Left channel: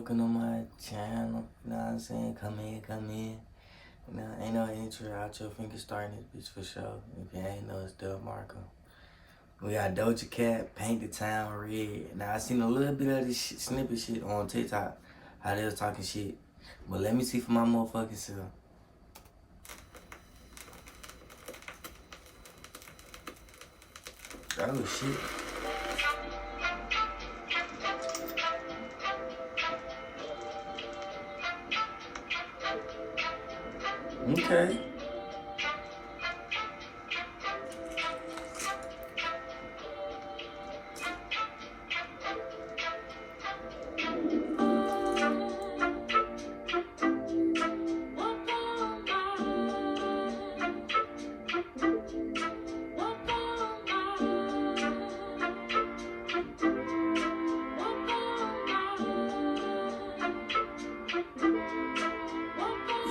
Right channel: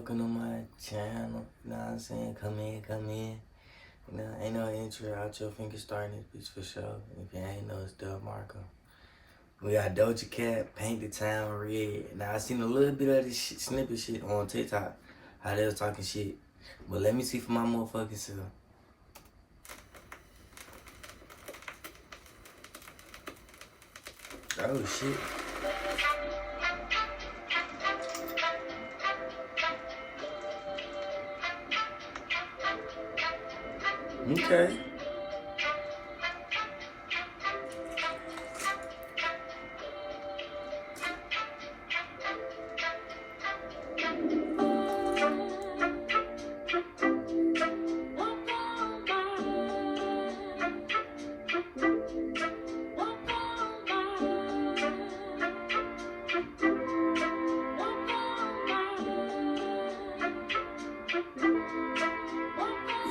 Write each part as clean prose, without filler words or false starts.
welcome to my channel. You know what I'm saying? Come in. You know, ain't no intro, outro, finger starting this bitch for sure. If you ain't know, it's Dub Marco. We got Doja Cat, Paint the Town Red. Now, I seen a little bit of this shit, snippet shit on TikTok, how they was talking shit. But let me see for my motherfucking self. Oh, shit. Okay.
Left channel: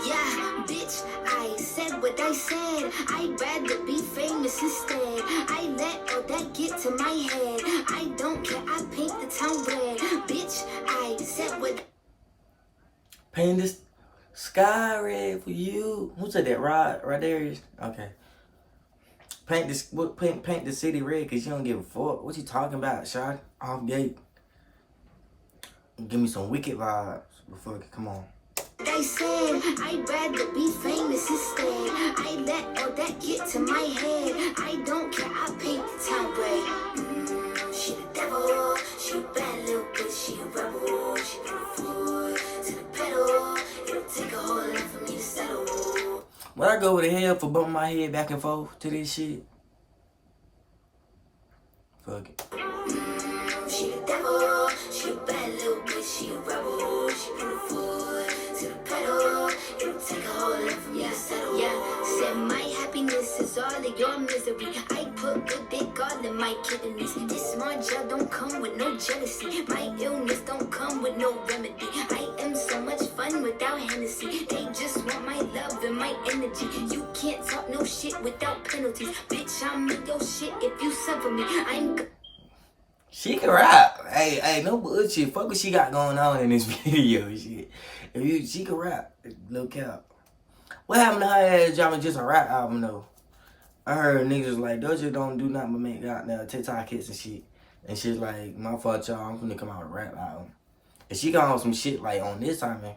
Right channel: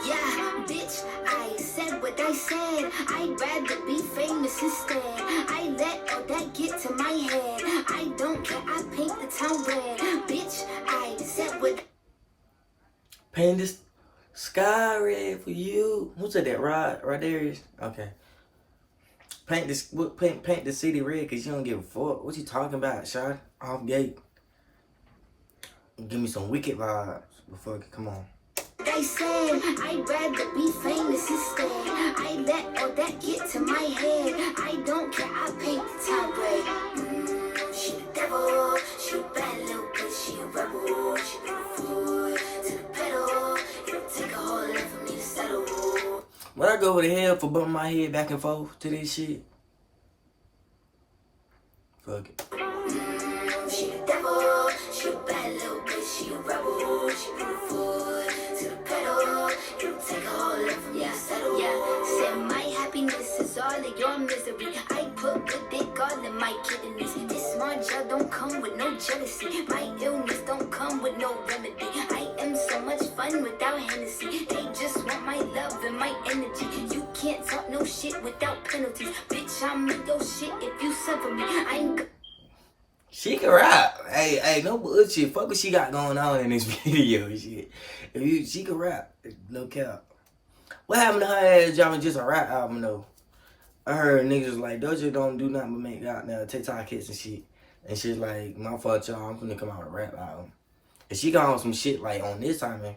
Yeah, bitch, I said what I said. I'd rather be famous instead. I let all that get to my head. I don't care, I paint the town red. Bitch, I said what... Paint this sky red for you. Who said that? Right there. Okay. Paint the city red because you don't give a fuck. What you talking about, shot? Off gate. Give me some wicked vibes. Before come on. I said I'd rather be famous instead. I let all that get to my head. I don't care, I paint the town red. She the devil, she a bad little bitch, she a rebel. She never fool to the pedal. It'll take a whole lot for me to settle. When I go over the hell for bumping my head back and forth to this shit. Fuck it. She the devil, she a bad little bitch, she a rebel. She never fool to the pedal. It'll take a whole lot for me to settle. Yeah, said my happiness is all of your misery. I put good dick all in my kidneys. This smart gel don't come with no jealousy. My illness don't come with no remedy. I am so much fun without Hennessy. They just want my love and my energy. You can't talk no shit without penalties. Bitch, I'm with your shit if you suffer me. I'm... She can rap. Hey, no bullshit. Fuck what she got going on in this video. Shit. She can rap. No cap. What happened to her ass dropping just a rap album though? I heard niggas like Doja don't do nothing but make goddamn TikTok hits and shit. And shit like, my fault y'all, I'm finna come out with a rap album. And she got on some shit like on this time, man.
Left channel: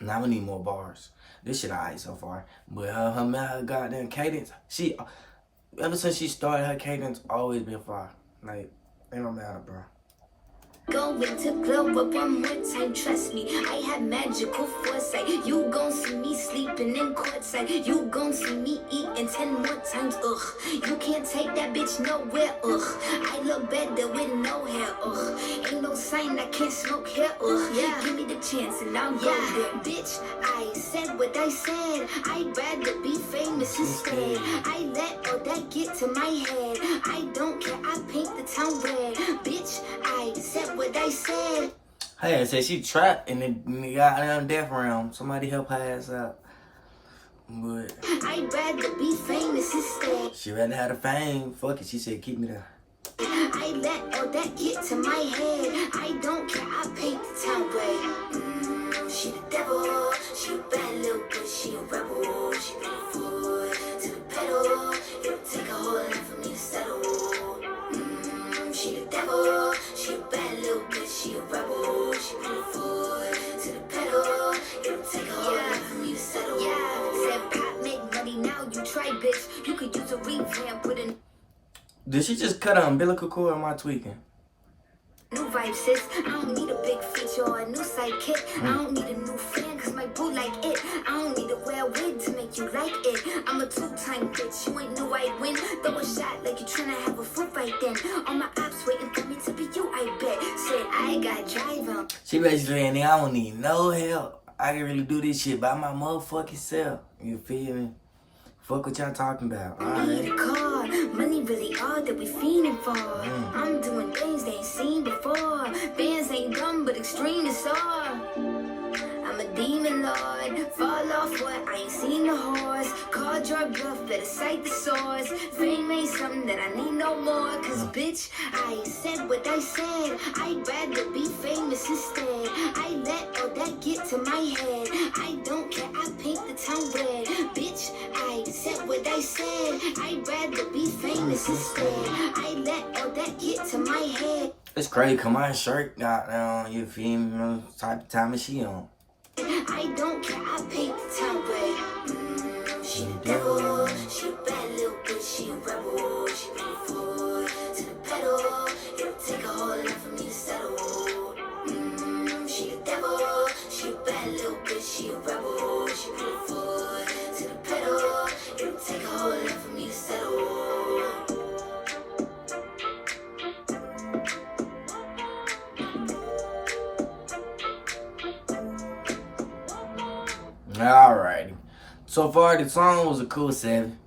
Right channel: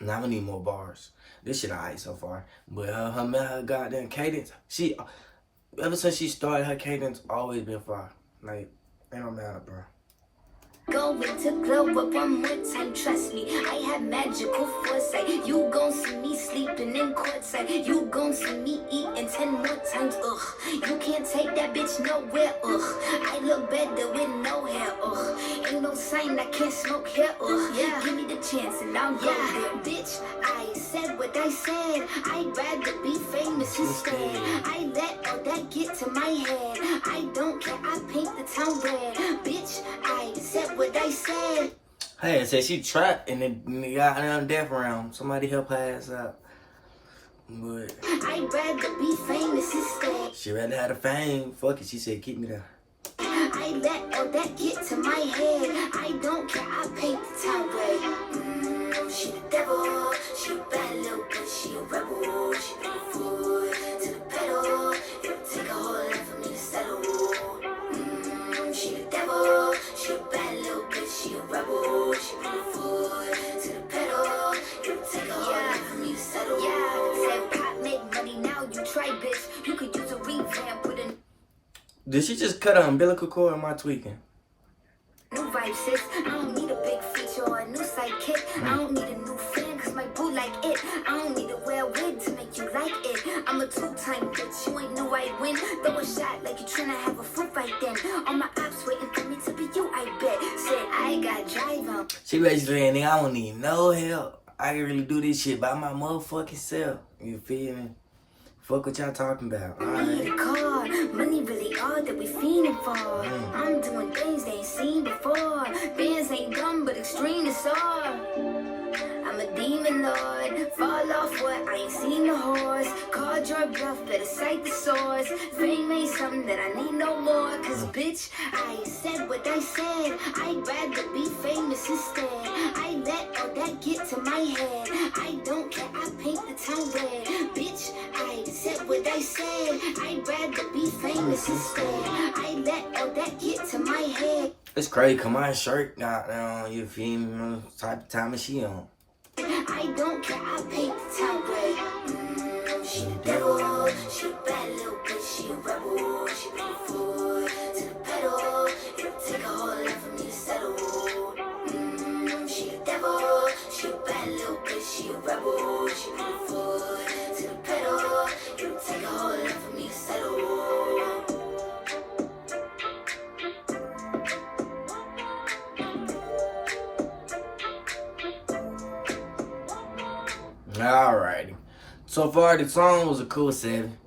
Now I'm gonna need more bars. This shit alright so far. But her goddamn cadence, ever since she started, her cadence always been fire. Like, ain't no matter, bro. Going to glow up one more time, trust me. I have magical foresight. You gon' see me sleeping in courtside. You gon' see me eating 10 more times, ugh. You can't take that bitch nowhere, ugh. I look better with no hair, ugh. Ain't no sign I can't smoke here, ugh. Yeah, give me the chance and I'll go there. Bitch, I said what I said. I'd rather be famous instead. I let all that get to my head. I don't care, I paint the town red. Bitch, I said what I said. Hey, I said she trapped and then got down death realm. Somebody help her ass out. But I'd rather be famous instead. she rather have the fame. Fuck it, she said keep me there. I let all that get to my head. I don't care, I paint the town red. She the devil, she a bad little bitch, she a rebel. She never fool to the pedal. It'll take a whole lot for me to settle. She the devil, she a bad little bitch, she a rebel. She never fool to the pedal. It'll take a whole lot for me to settle. Yeah, said pop make money, now you try, bitch. You could use a revamp with a... Did she just cut her umbilical cord or am I tweaking? New vibe, sis. I don't need a big feature or a new sidekick. I don't need a new fan cause my boo like it. I don't need to wear a wig to make you like it. I'm a two-time bitch, you ain't know I'd win. Throw a shot like you tryna have a fruit right then. All my ops waiting for me to be you, I bet. Said I got drive on. She basically saying, nigga, I don't need no help. I can really do this shit by my motherfucking self. You feel me? Fuck what y'all talking about. Alright. Car, money really all that we fiending for. I'm doing things they ain't seen before. Bands ain't dumb but extreme is all. I'm a demon lord. Fall off what? I ain't seen the horse. Called your bluff, better cite the source. Fame ain't something that I need no more. Cause bitch, I said what I said. I'd rather be famous instead. I let all that get to my head. I don't care, I paint the town red. Bitch, I said what I said. I'd rather be famous instead. I let all that get to my head. It's crazy, cause my shirt got down, you feel me? Type of time is she on? I don't care, I paint the town red. She the devil, she a bad little bitch, she a rebel. She put the foot to the pedal. It'll take a whole lot for me to settle. She the devil, she a bad little bitch, she a rebel. She put the foot to the pedal. It'll take a whole lot for me to settle. Alrighty. So far, the song was a cool 7.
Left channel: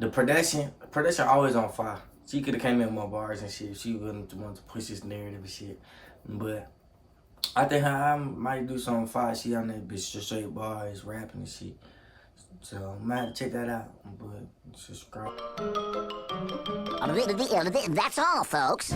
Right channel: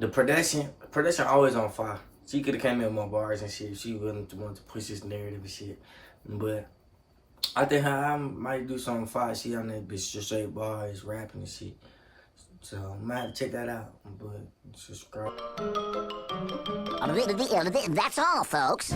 The production always on fire. She could have came in with my bars and shit. She wouldn't want to push this narrative and shit. But I think I might do something fire. She on that bitch just straight bars, rapping and shit. So I might have to check that out. But subscribe. That's all, folks.